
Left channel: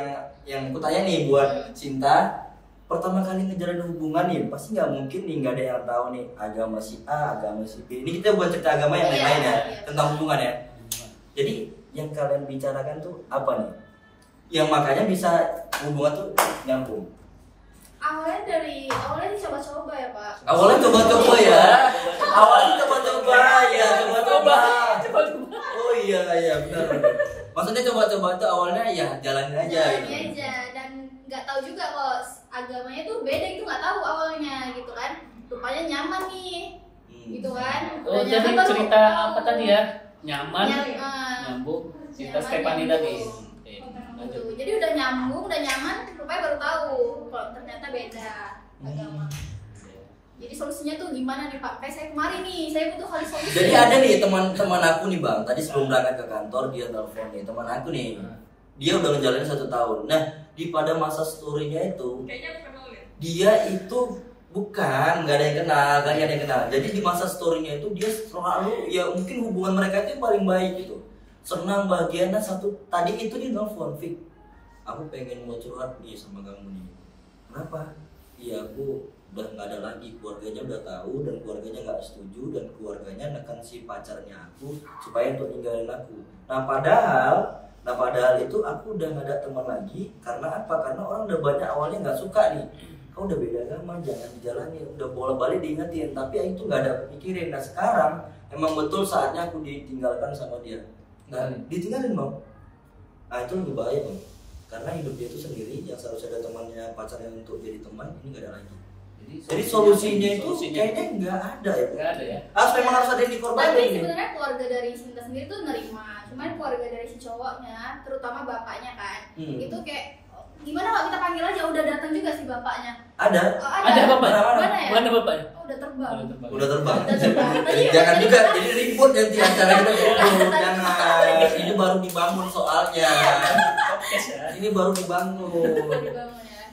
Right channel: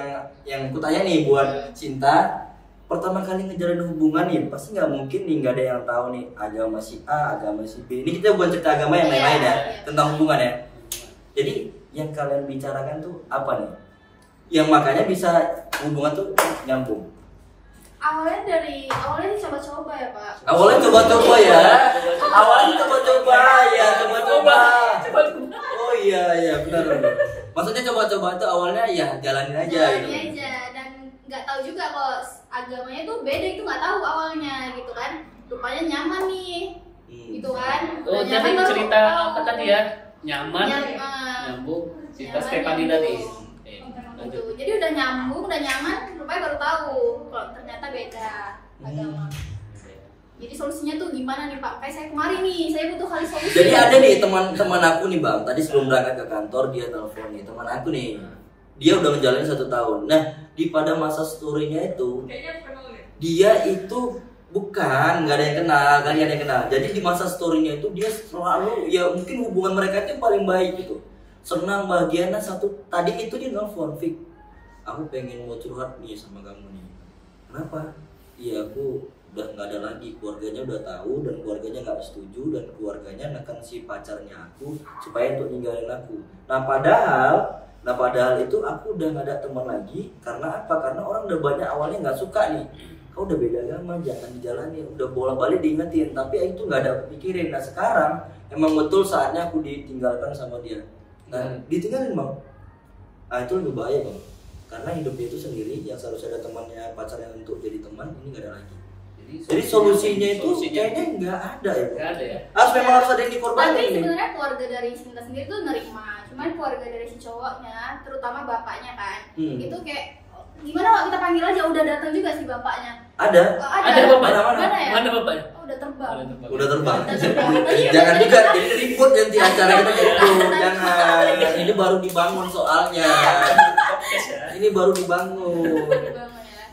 aku tanya nih buat Cinta, pertama kali ngejalanin hubungan nih pasti nggak mungkin nih nggak ada yang tahu nih agama si A, agama si B. Ini kita bukan cerita agama yang lain-lain ya, tentang hubungan ya. Jadi yang kalian bicarakan tuh apa nih? Yang makanya bisa hubungan tuh nyambung. Awalnya coba-coba ya Pak. Awalnya coba-coba ya. Awalnya coba-coba ya, coba-coba. Oh iya benar. Maksudnya coba-coba tuh awalnya ya jalanin aja Jalanin gitu. aja dan nggak tahu juga kalau agamanya tuh beda, itu nggak tahu awalnya gitu kan. Rupanya nyaman nih, gitu kan. Oh, Udah jadi nyaman baru cerita tahu. apa tadi ya? Nyaman, Nyaman. nyambung. Cerita Nyaman, Stephanie nyambung. tadi. Gitu. Jadi udah nyambung, udah nyaman, rupanya baru tahu kalau ternyata beda agama. Jadi solusinya tuh gimana nih Pak? Kayak saya kemarin nih, saya butuh kali solusi. Jadi ada nih teman-teman aku nih Bang, tadi sebelum berangkat ke kantor dia telepon nih, teman aku nih. Dia udah ngejalanin 1 tahun. Nah, di pada masa story-nya itu Kayaknya bukan Maulid. dia itu bukan nggak ada yang kenal, kan nggak ada yang kenal. Jadi di masa story-nya itu dia selalu ya mungkin hubungan mereka itu yang paling baik gitu. Senang, bahagia. Nah, tadi itu dia nelfon, Fik, aku pengen mau curhat nih sama kamu nih. Kenapa? Iya, aku udah nggak ada lagi, keluarganya udah tahu dan keluarganya nggak setuju dan keluarganya neken si pacarnya aku supaya untuk ninggalin aku. Nah padahal itu aku udah nggak ada teman lagi. Karena apa? Karena orang udah banyak awalnya nggak suka nih, kau udah beda agama jangan dijalani, udah bola-balik diingetin tapi itu nggak ada pikirin. Nah sekarang emang betul saatnya aku ditinggalkan sama dia. Nah ditinggalin Bang, nah itu lebih bahaya Bang, karena hidup dia itu sendiri yang seharusnya ada temannya, pacarnya untuk jadi teman, ini nggak ada lagi. Jadi solusinya itu kayaknya nggak ada ya. Nggak ada ya. Memang harus ada yang dikorbanin Tapi nih. sebenarnya keluarga dari Cinta sendiri tuh nerima, cuman keluarga dari si cowoknya, terutama bapaknya kan, itu kayak gimana Pak, kita panggil aja, udah datang juga sih bapaknya. Ada. Oh, Ada bapak? Mana ya? Mana bapaknya? Oh, udah terbang. Udah terbang. Jangan juga jadi ribut nanti acara kita ribut. Jangan. Ini baru dibangun soalnya. Ini baru dibangun. Terbang ya.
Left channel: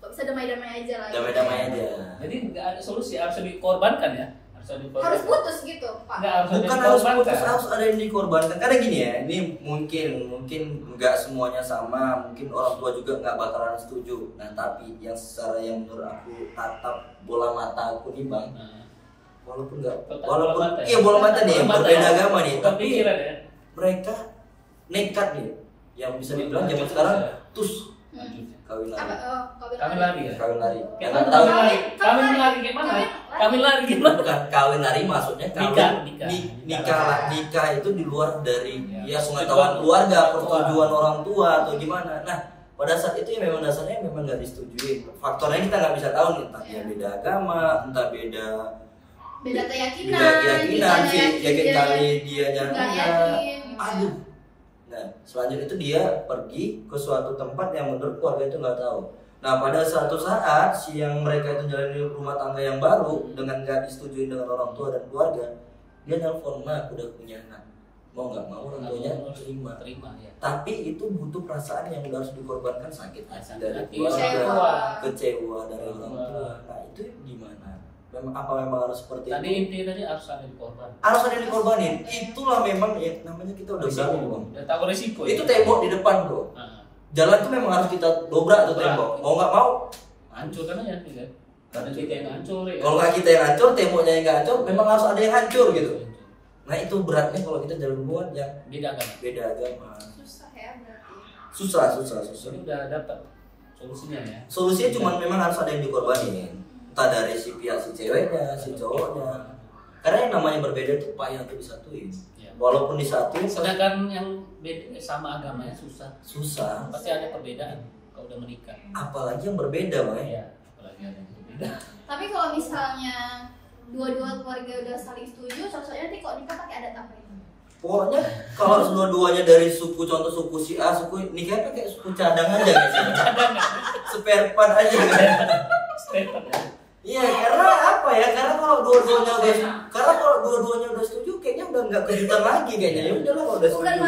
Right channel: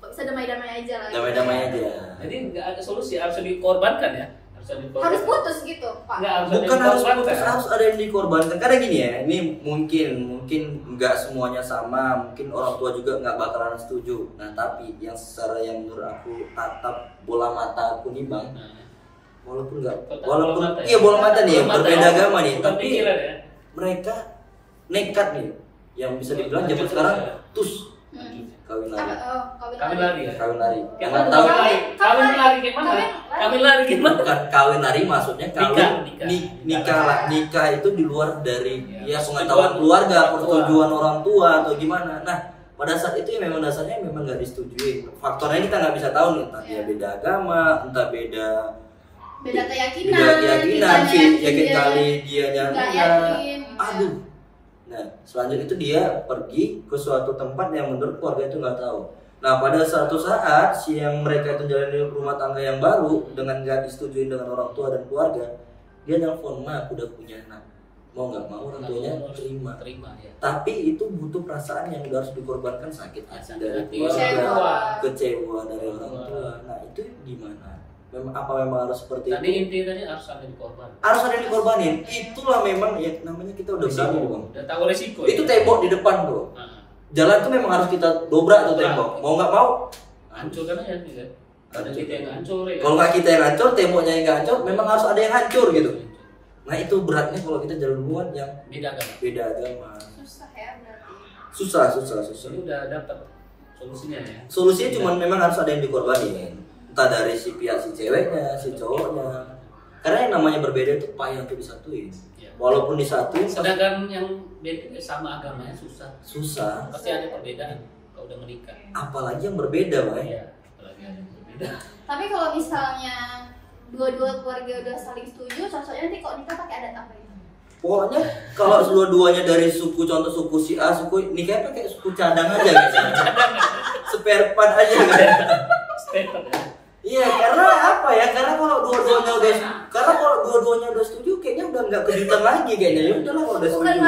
Kok bisa damai-damai aja lah. Damai-damai aja. Jadi nggak ada solusi, harus dikorbankan ya. Harus putus gitu Pak. Nggak, Bukan harus putus, harus ada yang dikorbankan. Karena gini ya, ini mungkin nggak semuanya sama, mungkin orang tua juga nggak bakalan setuju. Nah tapi yang secara yang menurut aku tatap bola mata aku nih bang, walaupun iya bola mata nih, berbeda agama nih, tapi mereka nekat nih, yang bisa dibilang zaman sekarang tus kawin lari. Kawin lari ya? Kawin lari. Jangan Jangan tahu. kawin lari gimana? Kawin lari gimana? Bukan kawin lari, maksudnya nikah itu di luar dari ya pengetahuan keluarga, persetujuan orang tua atau gimana. Nah pada saat itu ya memang dasarnya memang nggak disetujui. Faktornya kita nggak bisa tahu nih, entah dia beda agama, entah beda keyakinan, yakin kali dia nyanyi. Aduh. Nah, selanjutnya itu dia pergi ke suatu tempat yang menurut keluarga itu nggak tahu. Nah, pada suatu saat yang mereka itu jalani rumah tangga yang baru dengan nggak disetujui dengan orang tua dan keluarga, dia nelfon, "Ma, aku udah punya anak." Mau nggak mau orang tuanya terima ya. Tapi itu butuh perasaan yang harus dikorbankan, sakit hati dari keluarga, kecewa dari orang tua. Nah, itu gimana? Memang harus seperti tadi itu? Intinya tadi harus ada dikorban. Harus ada yang dikorbanin. Itulah memang ya namanya kita udah berani bang. Udah tahu resiko. Itu tembok di depan tuh. Jalan tuh memang harus kita dobrak tuh tembok. Mau nggak mau hancurkan aja kan. Ada kita yang hancur ya. Kalau nggak kita yang hancur, temboknya yang nggak hancur, memang harus ada yang hancur gitu. Nah itu beratnya kalau kita jalan duluan yang beda agama. Susah ya berarti. Susah. Ini udah dapat solusinya ya. Solusinya cuma memang harus ada yang dikorbanin. Entah dari si pihak si ceweknya, si cowoknya. Karena yang namanya berbeda itu payah untuk disatuin. Ya. Walaupun disatuin, sedangkan yang sama agamanya susah. Pasti ada perbedaan kalau udah menikah. Apalagi yang berbeda, Bang. Iya, apalagi ada yang berbeda. Tapi kalau misalnya dua-dua keluarga udah saling setuju, sosoknya nanti kok nikah pakai adat apa ini? Pokoknya kalau dua-duanya dari suku, contoh suku si A, suku nikahnya pakai suku cadang aja gitu. Spare part aja gitu. Iya, karena apa ya? Karena kalau dua-duanya udah setuju, kayaknya udah nggak kejutan lagi kayaknya. Ya udahlah kalau udah setuju.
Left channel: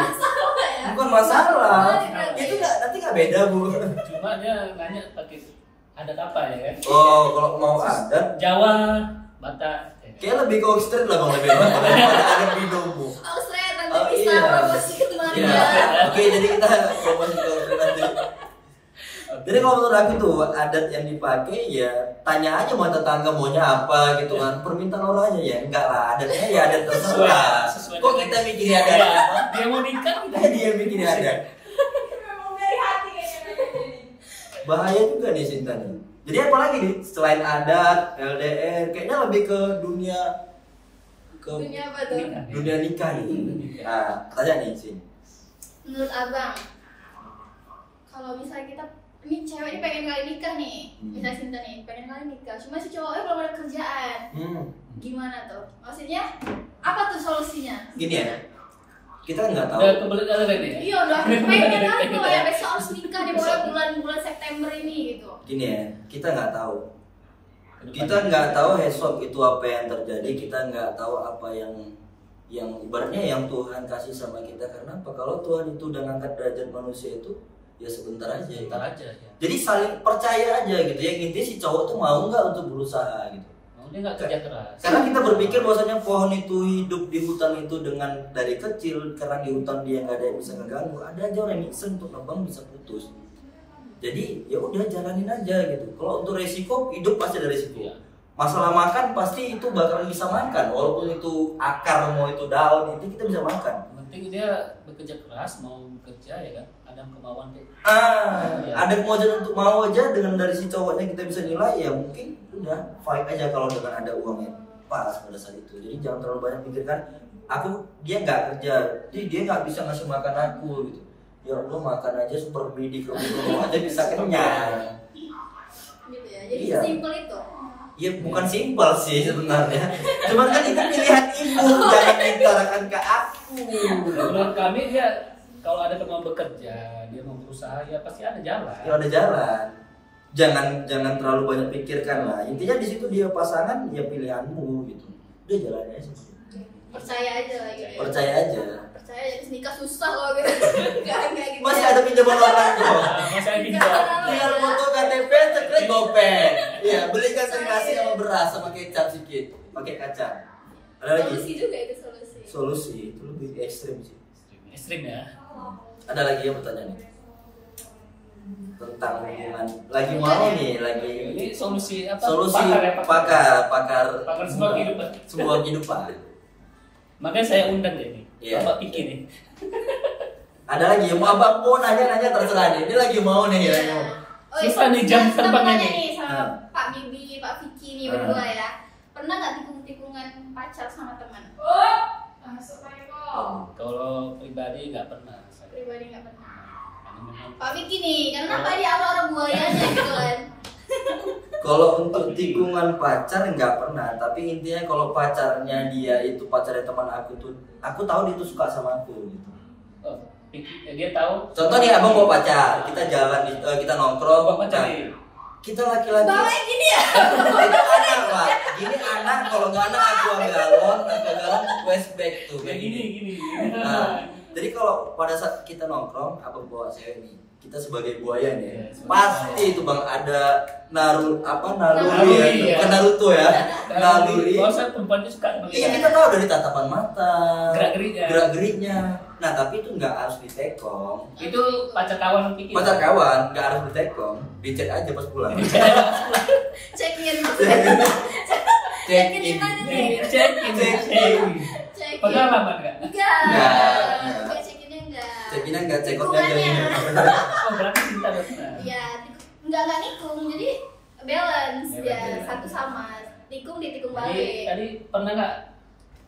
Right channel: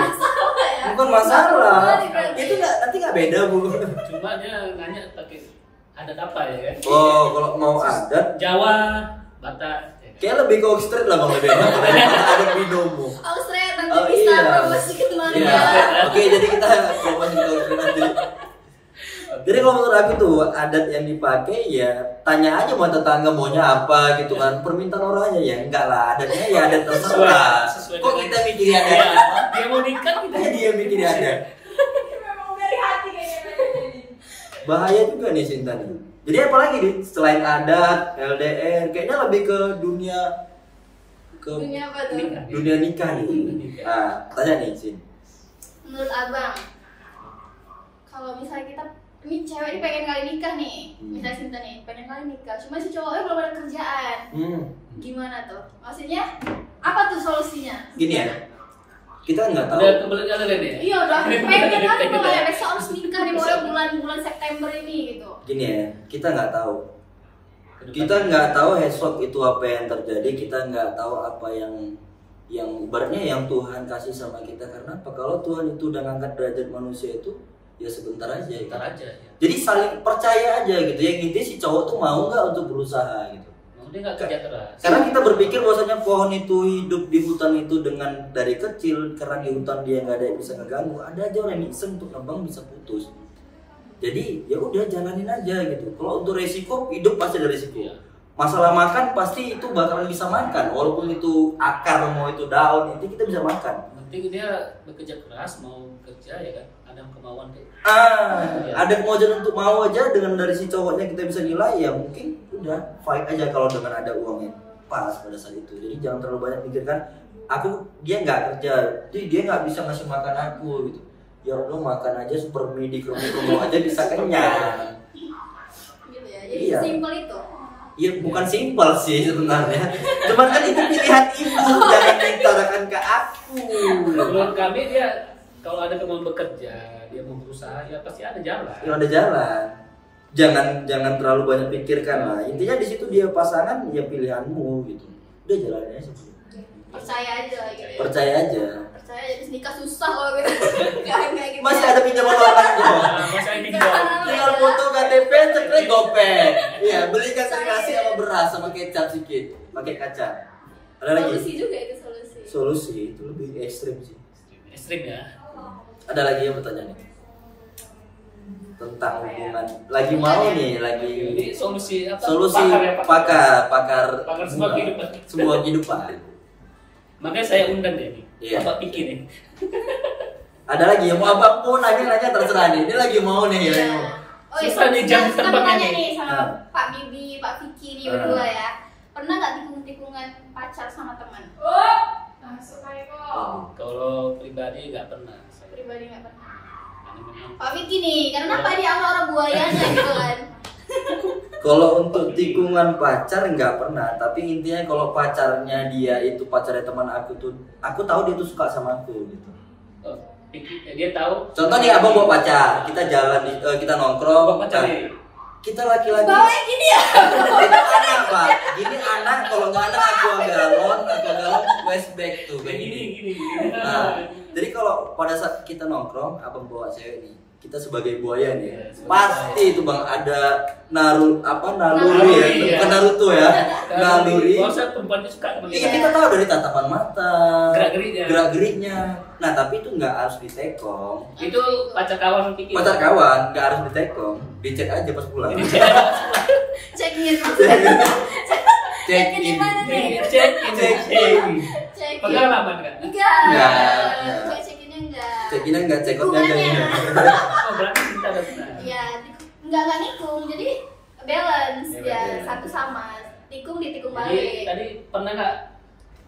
Bukan masalah. Itu nanti nggak beda bu. Cuma dia nanya pakai adat apa ya? Oh, kalau mau adat Jawa, Batak. Kayak lebih ke Oxford lah bang, lebih ada binomo. Oxford nanti Oh, bisa iya. promosi ke keluarga. Iya. Oke, jadi kita promosi ke Oxford nanti. Jadi kalau menurut aku tuh adat yang dipakai ya tanya aja mau tetangga maunya apa gitu kan, permintaan orangnya ya enggak lah, adatnya ya adat terserah. Kok kita mikirin adat apa? Dia mau nikah Dia mikirin adat. Memang dari hati kayaknya. Bahaya juga nih Sinta nih. Jadi apalagi nih selain adat, LDR, kayaknya lebih ke dunia apa tuh? dunia nikah nih. Nah, tanya nih Sin. Menurut abang, kalau misalnya kita ini cewek ini pengen kali nikah nih, misalnya Sinta nih pengen kali nikah, cuma si cowoknya belum ada kerjaan, gimana tuh? Maksudnya apa tuh solusinya? Gini ya, kita nggak tahu. Udah kebelet kali ini ya? Iya udah pengen kali kalau ya besok harus nikah di bulan September ini gitu. Gini ya, kita nggak tahu. Kita nggak tahu esok itu apa yang terjadi. Kita nggak tahu apa yang ibaratnya yang Tuhan kasih sama kita. Karena apa? Kalau Tuhan itu udah ngangkat derajat manusia itu ya sebentar aja. Sebentar aja. Ya. Jadi saling percaya aja gitu. Yang intinya si cowok tuh mau nggak untuk berusaha gitu. Dia nggak kerja keras. Karena kita berpikir bahwasanya pohon itu hidup di hutan itu dengan dari kecil, karena di hutan dia nggak ada yang bisa ngeganggu. Ada aja orang yang iseng untuk nebang bisa putus. Jadi ya udah jalanin aja gitu. Kalau untuk resiko hidup pasti ada resiko. Ya. Masalah makan pasti itu bakal bisa makan, walaupun itu akar mau itu daun itu kita bisa makan. Penting dia bekerja keras, mau kerja ya kan, ada kemauan dia. Ada kemauan untuk mau aja dengan dari si cowoknya kita bisa nilai ya mungkin udah fight aja kalau dengan ada uangnya pas pada saat itu. Jadi jangan terlalu banyak pikirkan dia nggak kerja, jadi dia nggak bisa ngasih makan aku gitu. Ya Allah makan aja super mie di kerumuh aja bisa kenyang. Gitu ya. Jadi Iya. simpel itu. Ya bukan simpel sih sebenarnya. Cuman kan itu pilihan ibu, jangan diutarakan ke aku. Menurut kami dia kalau ada kemauan bekerja, dia mau berusaha, ya pasti ada jalan. Ya ada jalan. Jangan terlalu banyak pikirkan lah. Intinya di situ dia pasangan ya pilihanmu gitu. Udah jalanin aja. Percaya aja lah gitu. Percaya aja. Percaya aja nikah susah loh gitu. Kayak gitu. Masih ada pinjaman orang kok. Masih ada pinjam. Tinggal foto KTP, cepet gopek. Iya, belikan nasi sama beras sama kecap sedikit, pakai kacang. Ada lagi? Solusi juga itu solusi. Solusi itu lebih ekstrim sih. Ekstrim ya. Ada lagi yang bertanya nih tentang hubungan. Lagi mau nih, lagi Ini solusi apa? solusi pakar semua kehidupan. semua kehidupan. Makanya saya undang deh nih. Iya. Bapak pikir nih. Ada lagi yang mau abang mau nanya terserah nih. Ini lagi mau nih. Lagi mau. Oh, Susah nih jam kita terbangnya tanya nih. nih sama Ah. Pak Bibi, Pak Vicky nih Ah. berdua ya. Pernah nggak tikung-tikungan pacar sama teman? Masuk aja kok. Kalau pribadi nggak pernah. Saya. Pribadi nggak pernah. Karena memang Pak Vicky nih, karena Pak di orang buayanya gitu kan. Kalau untuk tikungan pacar nggak pernah, tapi intinya kalau pacarnya dia itu pacarnya teman aku tuh, aku tahu dia tuh suka sama aku gitu. dia tahu. Contoh nih abang bawa pacar, kita jalan kita nongkrong, Bawa pacar nah, nih. kita laki-laki. Bawanya gini ya. Itu anak pak, gini anak kalau nggak anak aku galon, flashback tuh kayak gini. Gini. Nah, jadi kalau pada saat kita nongkrong, abang bawa cewek nih, kita sebagai buaya nih, Iya, pasti itu bang ada naluri Naluri, ya, ya. bukan Naruto ya, naluri. Kalau saya perempuan itu suka Iya kita tahu dari tatapan mata, Gerak-geriknya. gerak-geriknya. Nah tapi itu nggak harus ditekong. itu pacar kawan pikir. Pacar kawan nggak harus ditekong, dicek aja pas pulang. Check in. Cek in. Check in. Pengalaman kan? Enggak. Enggak. Check innya enggak. Cek in nggak cek out nggak Hubungannya. Oh berarti kita benar. Iya, enggak nikung, jadi balance Balance, ya, ya. satu sama. Tikung ditikung Jadi balik. tadi pernah nggak?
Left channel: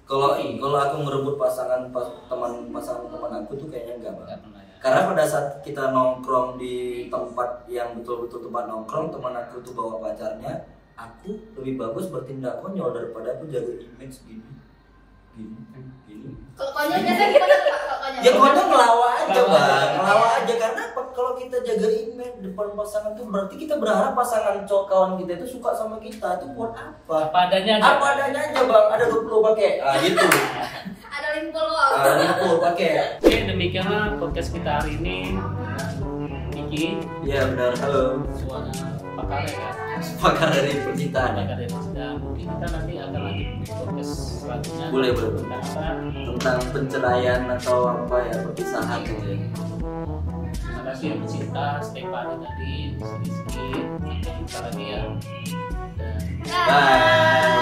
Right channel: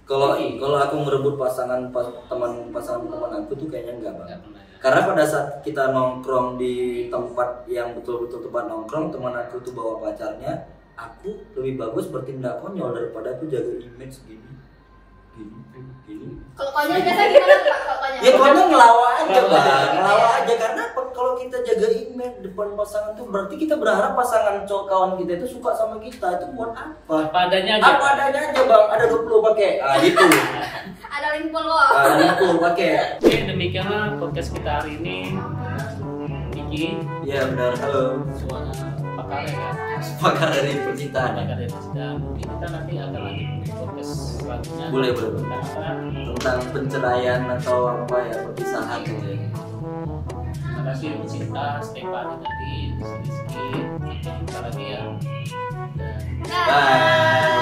Kalau aku merebut pasangan teman aku tuh kayaknya enggak banget. Nggak pernah ya. Karena pada saat kita nongkrong di tempat yang betul-betul tempat nongkrong, teman aku tuh bawa pacarnya, aku lebih bagus bertindak konyol daripada aku jaga image gini. Kalau konyol biasanya gimana tuh, Pak? Kalau konyol? Ya konyol ngelawan aja Ngelawan bang, aja. ngelawan aja karena kalau kita jaga image depan pasangan tuh berarti kita berharap pasangan cowok kawan kita itu suka sama kita, itu buat apa? Apa adanya aja. Apa adanya aja bang, ada 20 pakai, gitu. Ada link follow. Ada 20 pakai. Oke, demikianlah podcast kita hari ini. Niki, Ya benar, halo. suara pakar ya. Pakar dari percintaan. Pakar dari kita. Mungkin kita nanti akan lanjut di podcast selanjutnya. Boleh. Tentang apa? Tentang penceraian atau apa ya, perpisahan gitu ya. Terima kasih untuk Cinta, Stefani tadi, sedikit. Sampai jumpa lagi ya. Dan Bye. Bye.